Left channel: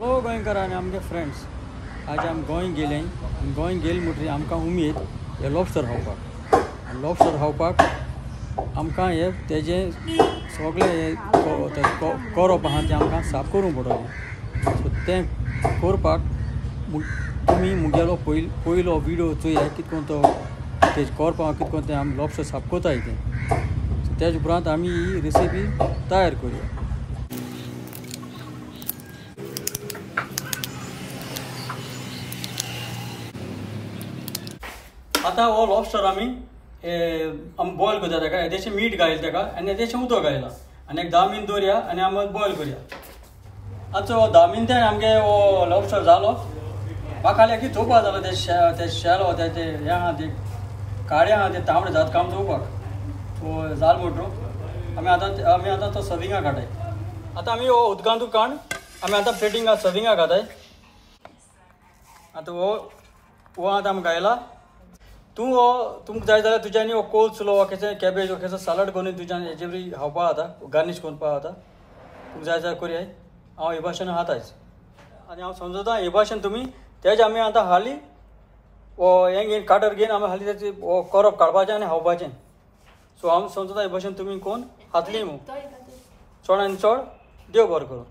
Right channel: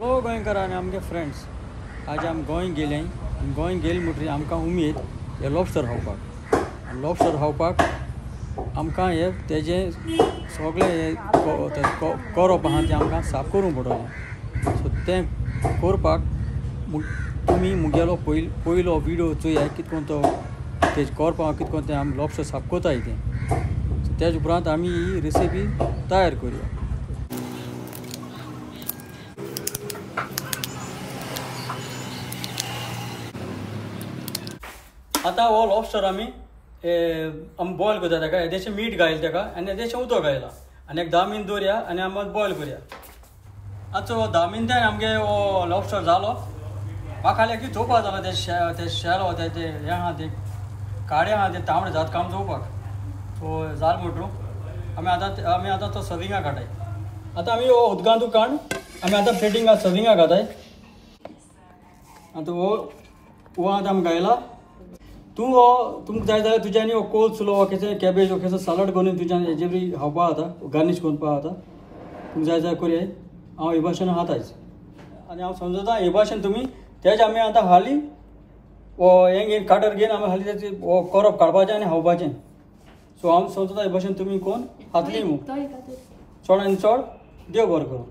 हॅलो गोंयकार आनी आमगे फ्रेंड्स, आज आम गोंय गेले आनी गोंय गेले म्हणटरी आमकां उमेद हे लॉबस्टर खावपाक. आनी लॉबस्टर खावपाक आमकां हे तेजें सगळें हे करप आहा तें आमकां साफ करूंक पडटलें. सो तें करपाक तुमी मुगेलो पयलो विडियो चोया कितको तो तेज करपाक कितको तें आमी लॉबस्टर साफ कोताय तें. सो तेज उपरांत आमी ही रेसिपी तयार करुया. आता हो लॉबस्टर आमी बॉयल करता ताका येदेशें मीठ घायल ताका आनी येदेशें उदक घायला आनी एक 10 मिनट दवरया आनी आमी बॉयल करया. आतां 10 मिनटान आमगे हो लॉबस्टर जालो. म्हाका खाली की चोवपा जालो ते शेलो ते हें आहा ते काळे आहा ते तांबडे जात काम चोवपाक. सो जाल म्हणटू आमी आतां तो सर्विंगाक काडटाय. आतां आमी हो उदकांतूच काण आमी आतां प्लेटिंगाक सर्विंगाक घाताय. आतां हो आतां आमी घायला. तुमकां जाय जाल्यार तुज्यांनी हो कोल्सलो वा केसं कॅबेज वा केसं सालड करून तुज्यान हेजे बरी खावपा जाता, गार्निश करपा जाता. तुमकां जाय जाल्यार करयाय. हांव हे भाशेन खातायच आनी हांव समजता हे भाशेन तुमी तेज आमी आतां हाली हो हें घेवन काटर घेवन आमी हाली तेजें हो करप काडपाचें आनी खावपाचें. सो हांव समजता हे भाशेन तुमी कोण खातली चड आनी चड देव बरें करूं.